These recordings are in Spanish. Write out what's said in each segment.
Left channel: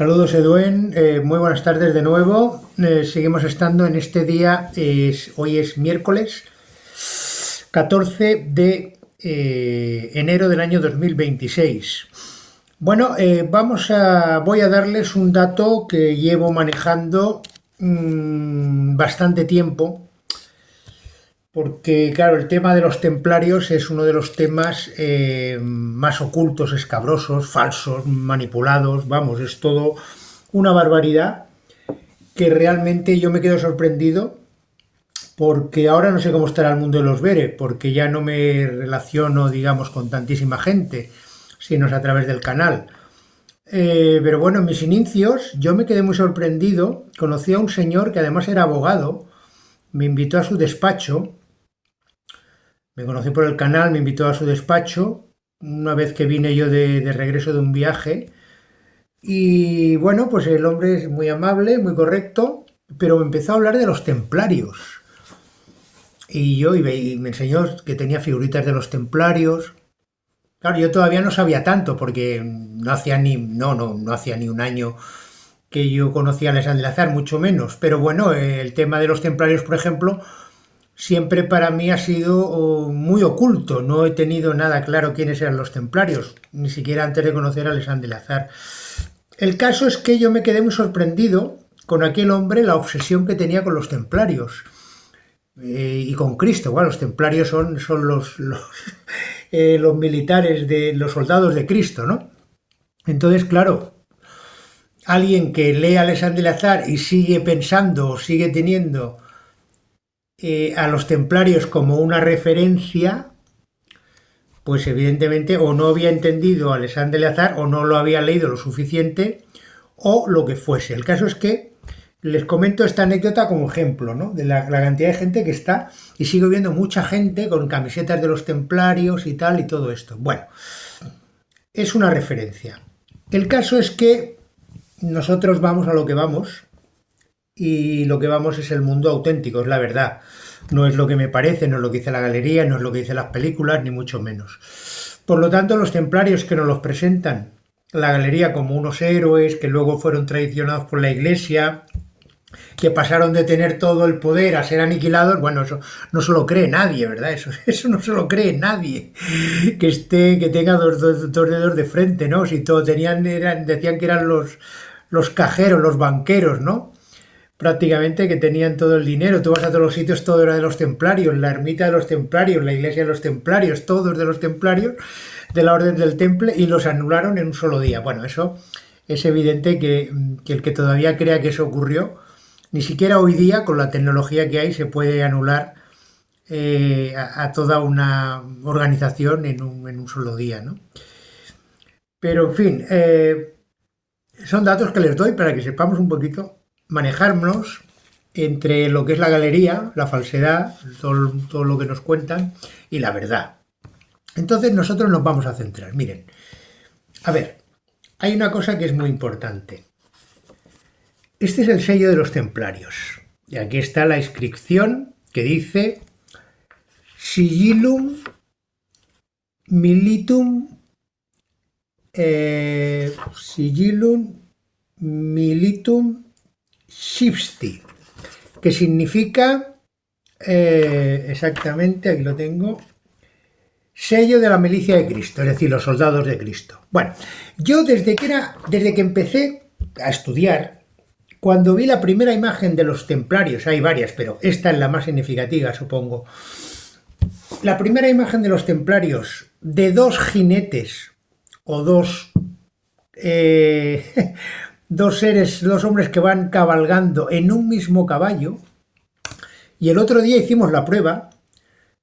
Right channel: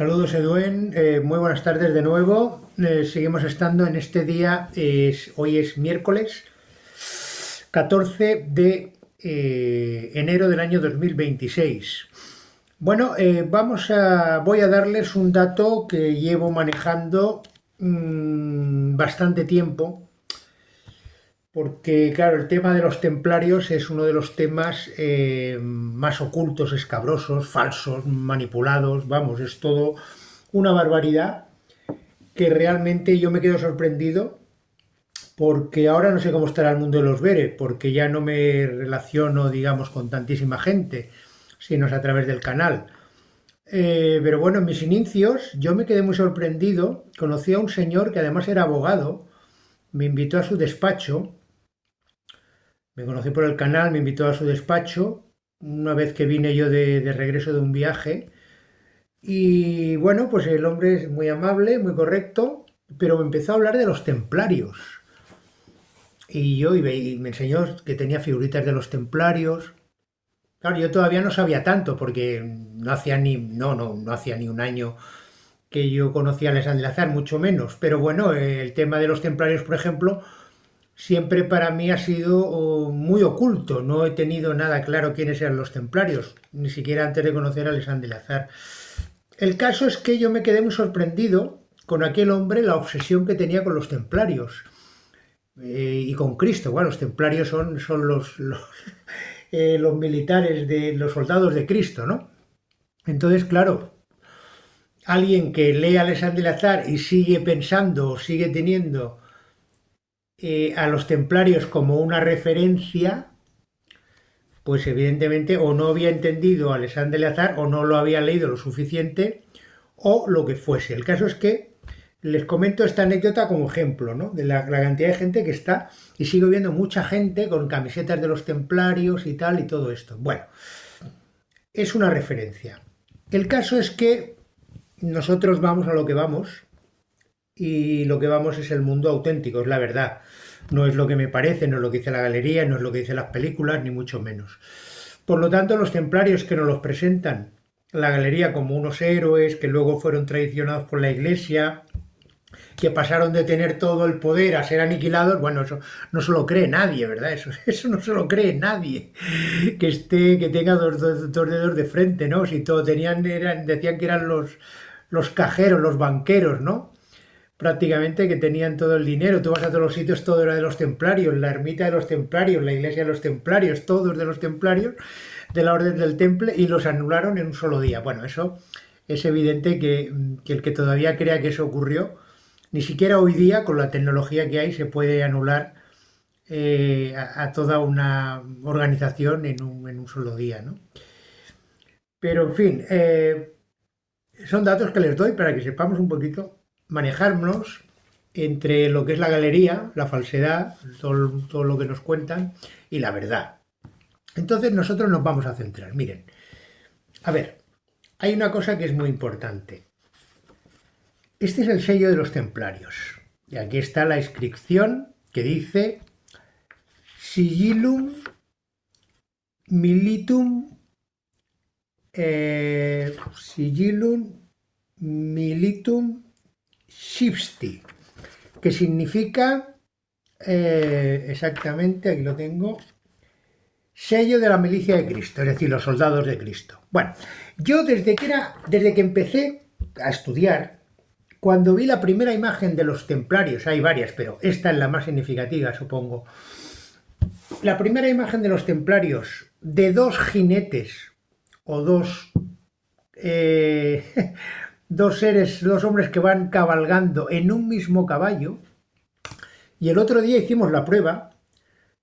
Saludos, Eduen. Muy buenas tardes de nuevo. Seguimos estando en este día. Hoy es miércoles 14 de enero del año 2026. Bueno, voy a darles un dato que llevo manejando bastante tiempo, porque claro, el tema de los templarios es uno de los temas más ocultos, escabrosos, falsos, manipulados. Vamos, es todo una barbaridad que realmente yo me quedo sorprendido, porque ahora no sé cómo estará el mundo de los Bere, porque ya no me relaciono, digamos, con tantísima gente, sino es a través del canal. Pero bueno, en mis inicios yo me quedé muy sorprendido. Conocí a un señor que además era abogado, me invitó a su despacho, me conocí por el canal, me invitó a su despacho, una vez que vine yo de regreso de un viaje. Y bueno, pues el hombre es muy amable, muy correcto, pero me empezó a hablar de los templarios. Y me enseñó que tenía figuritas de los templarios. Claro, yo todavía no sabía tanto porque no hacía ni un año que yo conocía a Alexandre Lazar, mucho menos. Pero bueno, el tema de los templarios, por ejemplo, siempre para mí ha sido muy oculto. No he tenido nada claro quiénes eran los templarios, ni siquiera antes de conocer a Alexandre Lazar. El caso es que yo me quedé muy sorprendido con aquel hombre, la obsesión que tenía con los templarios y con Cristo. Bueno, los templarios son los militares, los soldados de Cristo, ¿no? Entonces, claro, alguien que lee a Alexandre Lazar y sigue pensando o sigue teniendo a los templarios como una referencia, pues evidentemente o no había entendido a Alexandre Lazar o no lo había leído lo suficiente o lo que fuese. El caso es que les comento esta anécdota como ejemplo, ¿no? De la cantidad de gente que está, y sigo viendo mucha gente con camisetas de los templarios y tal y todo esto. Bueno, es una referencia. El caso es que nosotros vamos a lo que vamos, y lo que vamos es el mundo auténtico, es la verdad. No es lo que me parece, no es lo que dice la galería, no es lo que dicen las películas, ni mucho menos. Por lo tanto, los templarios que nos los presentan la galería como unos héroes que luego fueron traicionados por la iglesia, que pasaron de tener todo el poder a ser aniquilados, bueno, eso no se lo cree nadie, ¿verdad? Eso no se lo cree nadie, que tenga dos dedos de frente, ¿no? Si todo decían que eran los cajeros, los banqueros, ¿no? Prácticamente, que tenían todo el dinero. Tú vas a todos los sitios, todo era de los templarios, la ermita de los templarios, la iglesia de los templarios, todos de los templarios, de la orden del temple, y los anularon en un solo día. Bueno, eso es evidente que el que todavía crea que eso ocurrió, ni siquiera hoy día, con la tecnología que hay, se puede anular a toda una organización en un solo día, ¿no? Pero, en fin, son datos que les doy para que sepamos un poquito manejarnos entre lo que es la galería, la falsedad, todo lo que nos cuentan y la verdad. Entonces nosotros nos vamos a centrar. Miren, a ver, hay una cosa que es muy importante. Este es el sello de los templarios. Y aquí está la inscripción que dice Sigillum Militum, Sigillum Militum Shifti, que significa exactamente, aquí lo tengo, sello de la milicia de Cristo, es decir, los soldados de Cristo. Bueno, yo desde que empecé a estudiar, cuando vi la primera imagen de los templarios, hay varias, pero esta es la más significativa, supongo. La primera imagen de los templarios de dos jinetes o eh, dos hombres que van cabalgando en un mismo caballo. Y el otro día hicimos la prueba,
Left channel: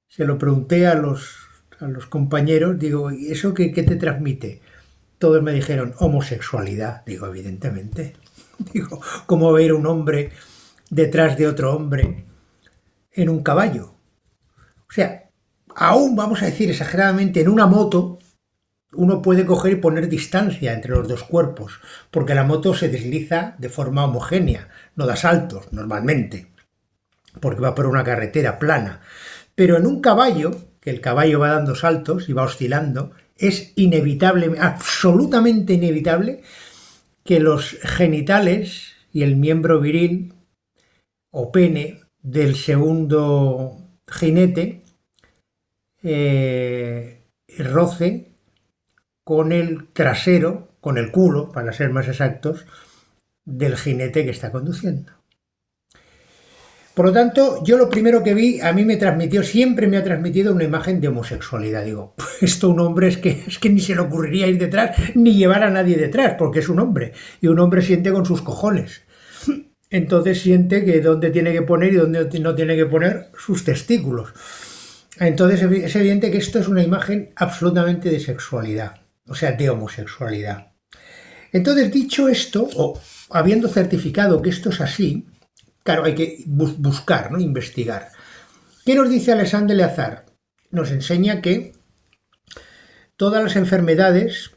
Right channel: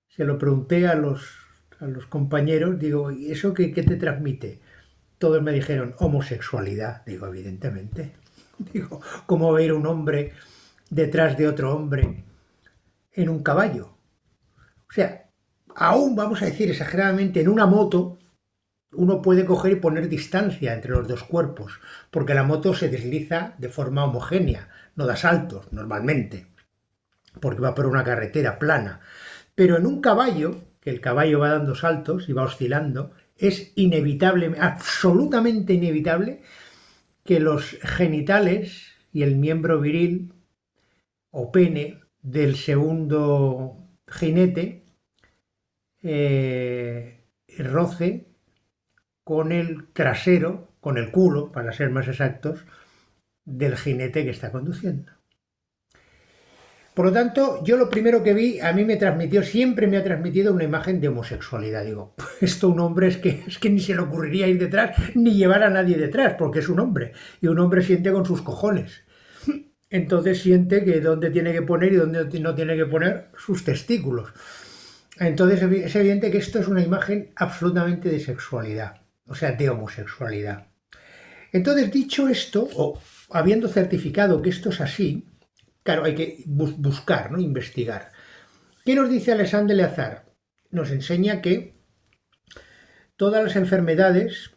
se lo pregunté a los compañeros, digo, ¿y eso qué te transmite? Todos me dijeron homosexualidad. Digo, evidentemente. Digo, ¿cómo va a ir un hombre detrás de otro hombre en un caballo? O sea, aún vamos a decir exageradamente, en una moto, uno puede coger y poner distancia entre los dos cuerpos, porque la moto se desliza de forma homogénea, no da saltos normalmente, porque va por una carretera plana. Pero en un caballo, que el caballo va dando saltos y va oscilando, es inevitable, absolutamente inevitable, que los genitales y el miembro viril o pene del segundo jinete roce con el trasero, con el culo, para ser más exactos, del jinete que está conduciendo. Por lo tanto, yo lo primero que vi, a mí me transmitió, siempre me ha transmitido una imagen de homosexualidad. Digo, esto un hombre es que ni se le ocurriría ir detrás, ni llevar a nadie detrás, porque es un hombre. Y un hombre siente con sus cojones. Entonces siente que dónde tiene que poner y dónde no tiene que poner sus testículos. Entonces es evidente que esto es una imagen absolutamente de sexualidad, o sea, de homosexualidad. Entonces, dicho esto, o habiendo certificado que esto es así, claro, hay que buscar, ¿no? Investigar. ¿Qué nos dice Alexandre Leazar? Nos enseña que todas las enfermedades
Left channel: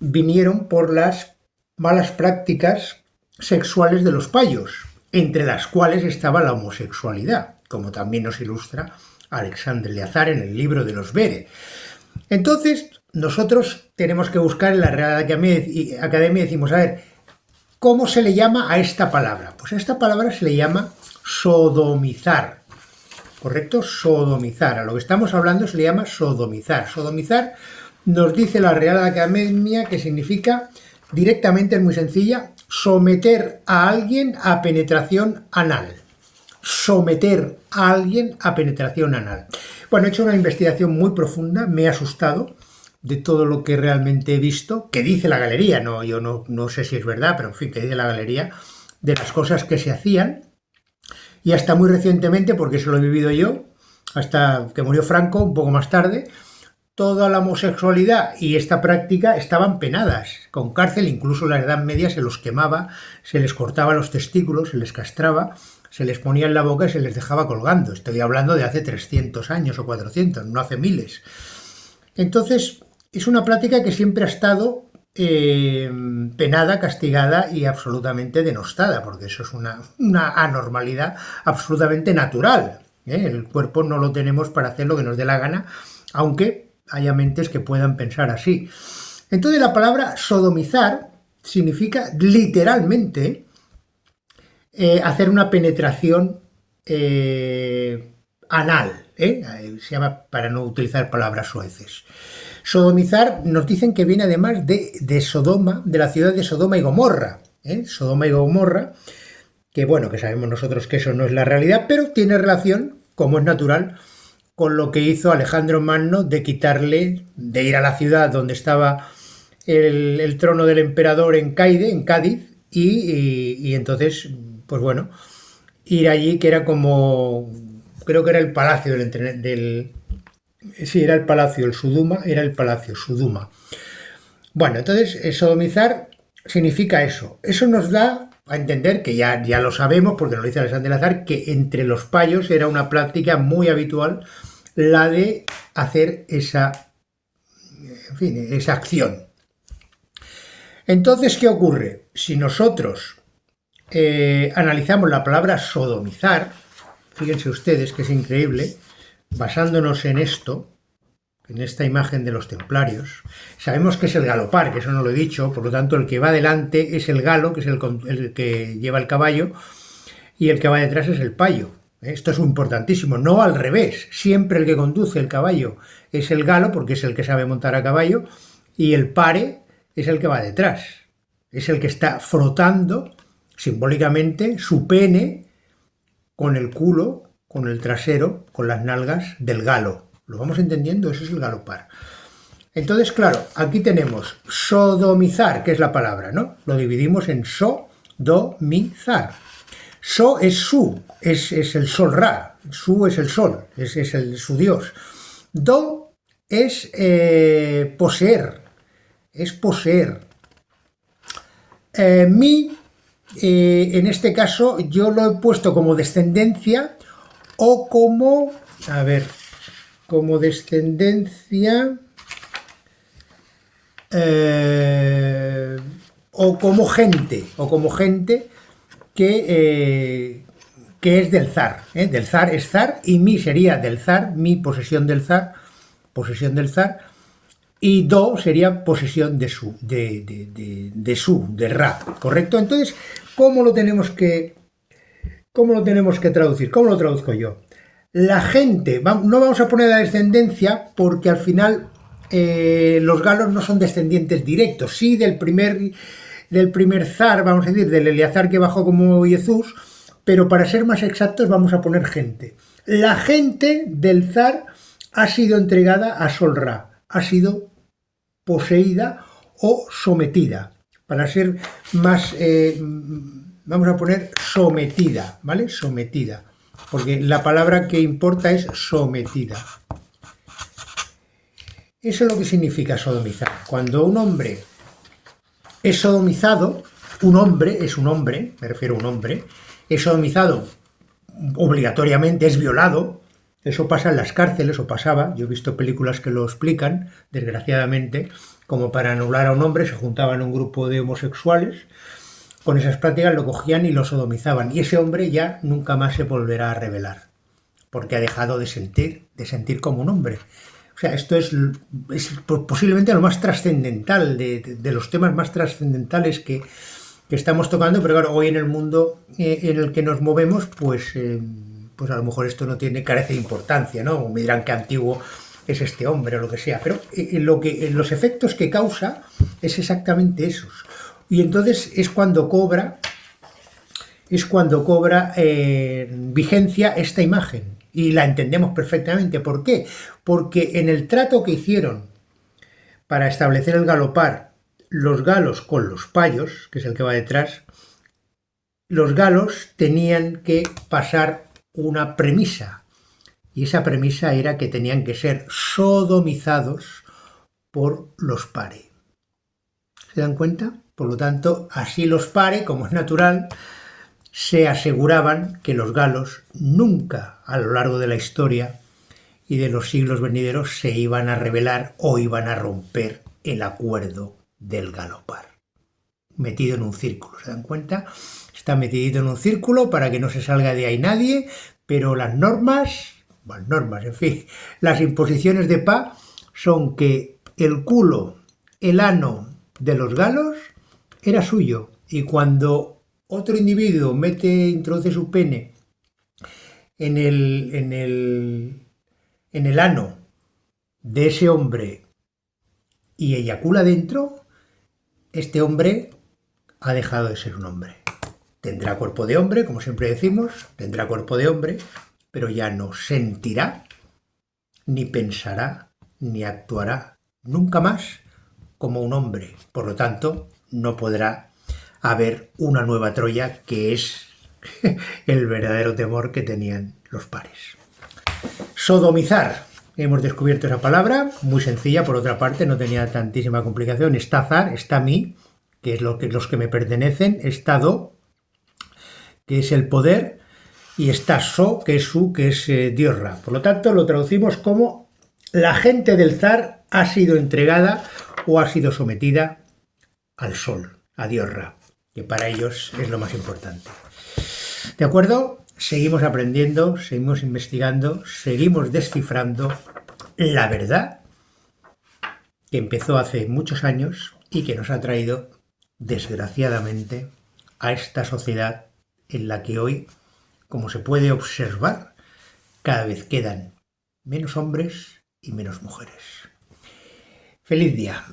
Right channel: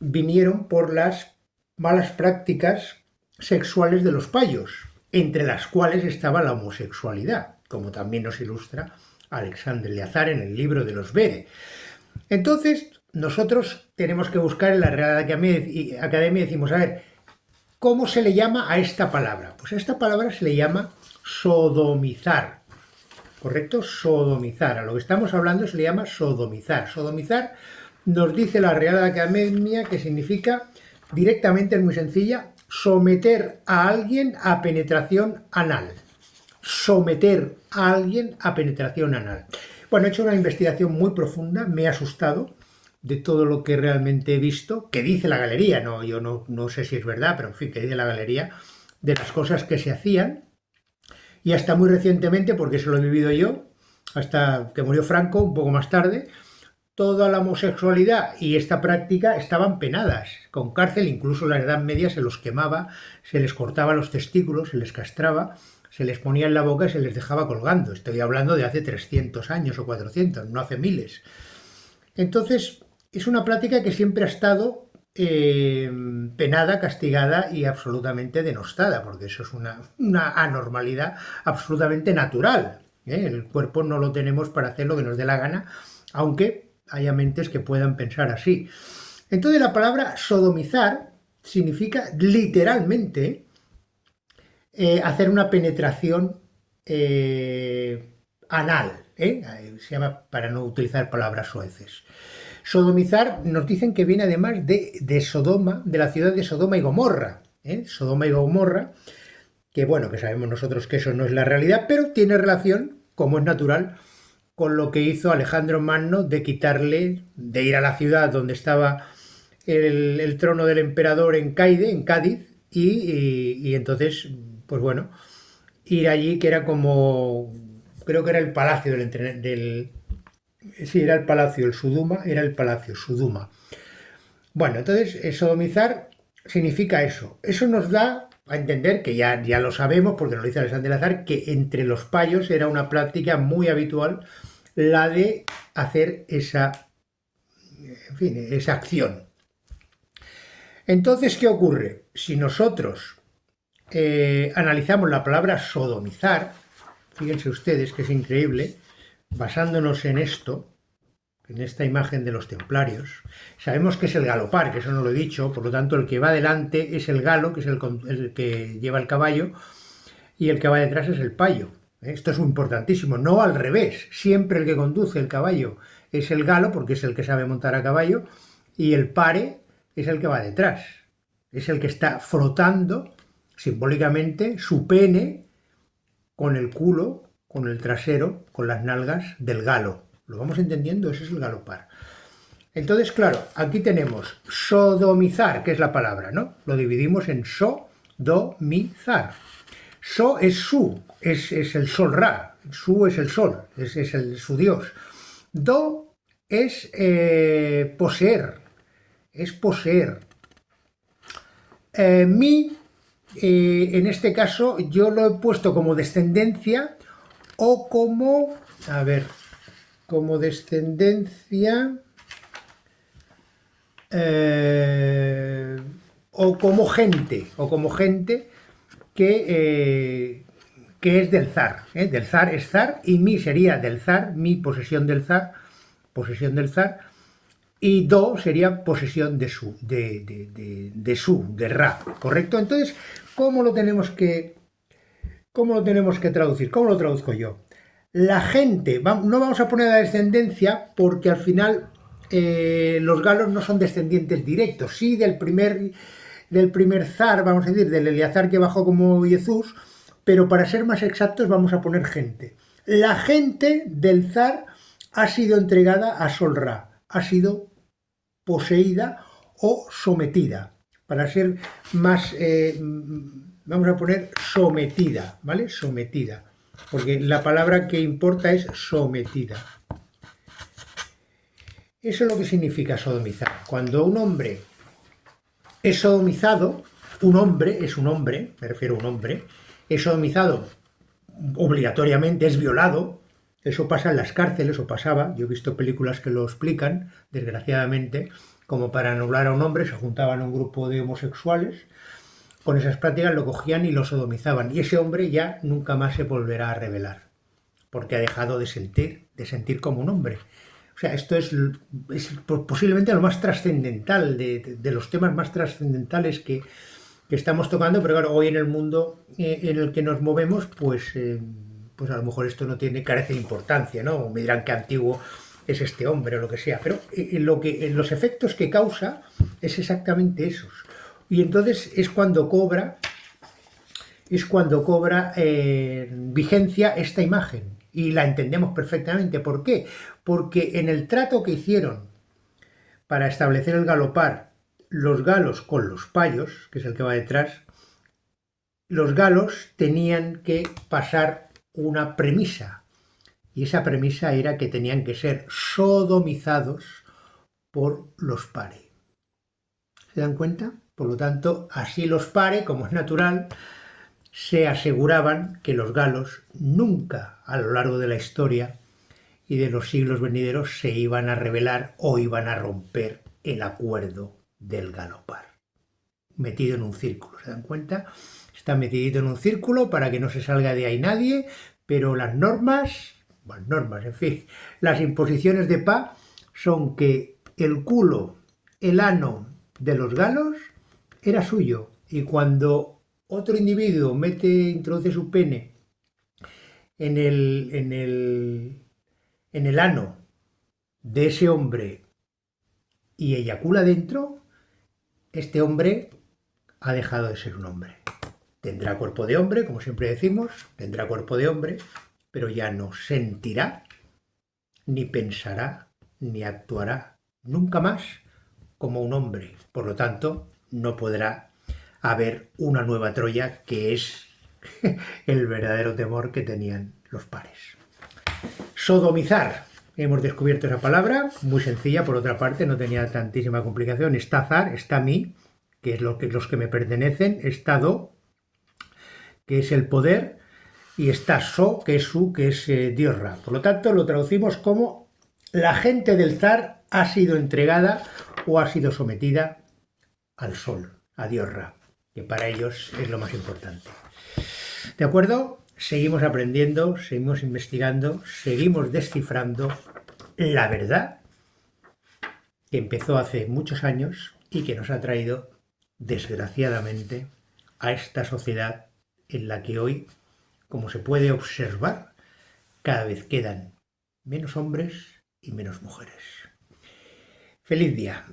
vinieron por las malas prácticas sexuales de los payos, entre las cuales estaba la homosexualidad, como también nos ilustra Alexandre Leazar en el libro de los Bere. Entonces, nosotros tenemos que buscar en la Real Academia y decimos, a ver, ¿cómo se le llama a esta palabra? Pues a esta palabra se le llama sodomizar, ¿correcto? Sodomizar. A lo que estamos hablando se le llama sodomizar. Sodomizar nos dice la Real Academia que significa, directamente, es muy sencilla, someter a alguien a penetración anal. Someter a alguien a penetración anal. Bueno, he hecho una investigación muy profunda, me he asustado de todo lo que realmente he visto, que dice la galería, no, yo no sé si es verdad, pero en fin, que dice la galería, de las cosas que se hacían, y hasta muy recientemente, porque eso lo he vivido yo, hasta que murió Franco, un poco más tarde, toda la homosexualidad y esta práctica estaban penadas, con cárcel, incluso en la Edad Media se los quemaba, se les cortaba los testículos, se les castraba, se les ponía en la boca y se les dejaba colgando. Estoy hablando de hace 300 años o 400, no hace miles. Entonces, es una práctica que siempre ha estado penada, castigada y absolutamente denostada, porque eso es una anormalidad absolutamente natural. El cuerpo no lo tenemos para hacer lo que nos dé la gana, aunque haya mentes que puedan pensar así. Entonces la palabra sodomizar significa literalmente hacer una penetración anal, se llama, para no utilizar palabras soeces. Sodomizar nos dicen que viene además de Sodoma, de la ciudad de Sodoma y Gomorra. Sodoma y Gomorra, que bueno, que sabemos nosotros que eso no es la realidad, pero tiene relación, como es natural, con lo que hizo Alejandro Magno de quitarle, de ir a la ciudad donde estaba el trono del emperador en Cádiz, y entonces, pues bueno, ir allí, que era como, creo que era el palacio sí, era el palacio, el Suduma, era el palacio, Suduma. Bueno, entonces, sodomizar significa eso. Eso nos da a entender, que ya lo sabemos, porque lo dice Alexandre Leazar, que entre los payos era una práctica muy habitual la de hacer esa, en fin, esa acción. Entonces, ¿qué ocurre? Si nosotros analizamos la palabra sodomizar, fíjense ustedes que es increíble, basándonos en esto, en esta imagen de los templarios, sabemos que es el galopar, que eso no lo he dicho, por lo tanto el que va delante es el galo, que es el que lleva el caballo, y el que va detrás es el payo. Esto es importantísimo, no al revés, siempre el que conduce el caballo es el galo, porque es el que sabe montar a caballo, y el pare es el que va detrás, es el que está frotando simbólicamente su pene con el culo, con el trasero, con las nalgas del galo. ¿Lo vamos entendiendo? Ese es el galopar. Entonces, claro, aquí tenemos sodomizar, que es la palabra, ¿no? Lo dividimos en sodomizar. So es su, es el sol Ra. Su es el sol, es su dios. Do es poseer, es poseer. Mi, en este caso, yo lo he puesto como descendencia o como, a ver, como descendencia o como gente que es del zar. Del zar es zar y mi sería del zar, mi posesión del zar, y Do sería posesión de Ra, ¿correcto? Entonces, ¿cómo lo tenemos que, cómo lo tenemos que traducir? ¿Cómo lo traduzco yo? La gente, no vamos a poner la descendencia porque al final los galos no son descendientes directos, sí del primer zar, vamos a decir, del Eleazar que bajó como Jesús, pero para ser más exactos vamos a poner gente. La gente del zar ha sido entregada a Sol Ra, ha sido poseída o sometida. Para ser más, vamos a poner sometida, ¿vale? Sometida, porque la palabra que importa es sometida. Eso es lo que significa sodomizar. Cuando un hombre es sodomizado, un hombre es un hombre, me refiero a un hombre, es sodomizado obligatoriamente, es violado. Eso pasa en las cárceles, o pasaba, yo he visto películas que lo explican, desgraciadamente, como para anular a un hombre se juntaban un grupo de homosexuales, con esas prácticas lo cogían y lo sodomizaban, y ese hombre ya nunca más se volverá a rebelar, porque ha dejado de sentir como un hombre. O sea, esto es posiblemente lo más trascendental, de los temas más trascendentales que estamos tocando, pero claro, hoy en el mundo en el que nos movemos, pues a lo mejor esto no carece de importancia, ¿no? O me dirán que antiguo es este hombre o lo que sea, pero los efectos que causa es exactamente esos. Y entonces es cuando cobra vigencia esta imagen y la entendemos perfectamente. ¿Por qué? Porque en el trato que hicieron para establecer el galopar los galos con los payos, que es el que va detrás, los galos tenían que pasar una premisa, y esa premisa era que tenían que ser sodomizados por los pare. ¿Se dan cuenta? Por lo tanto, así los pare, como es natural, se aseguraban que los galos nunca a lo largo de la historia y de los siglos venideros se iban a rebelar o iban a romper el acuerdo del galopar. Metido en un círculo, ¿se dan cuenta? Está metidito en un círculo para que no se salga de ahí nadie, pero las normas, en fin, las imposiciones de paz son que el culo, el ano de los galos era suyo, y cuando otro individuo introduce su pene en el ano de ese hombre y eyacula dentro, este hombre ha dejado de ser un hombre. Tendrá cuerpo de hombre, como siempre decimos, tendrá cuerpo de hombre, pero ya no sentirá, ni pensará, ni actuará nunca más como un hombre. Por lo tanto, no podrá haber una nueva Troya, que es el verdadero temor que tenían los pares. Sodomizar. Hemos descubierto esa palabra, muy sencilla, por otra parte, no tenía tantísima complicación. Está zar, está mi, que es los que me pertenecen, está do, que es el poder, y está so, que es su, que es Dios Ra. Por lo tanto, lo traducimos como la gente del zar ha sido entregada o ha sido sometida al sol, a Dios Ra, que para ellos es lo más importante. ¿De acuerdo? Seguimos aprendiendo, seguimos investigando, seguimos descifrando la verdad que empezó hace muchos años y que nos ha traído, desgraciadamente, a esta sociedad en la que hoy, como se puede observar, cada vez quedan menos hombres y menos mujeres. ¡Feliz día!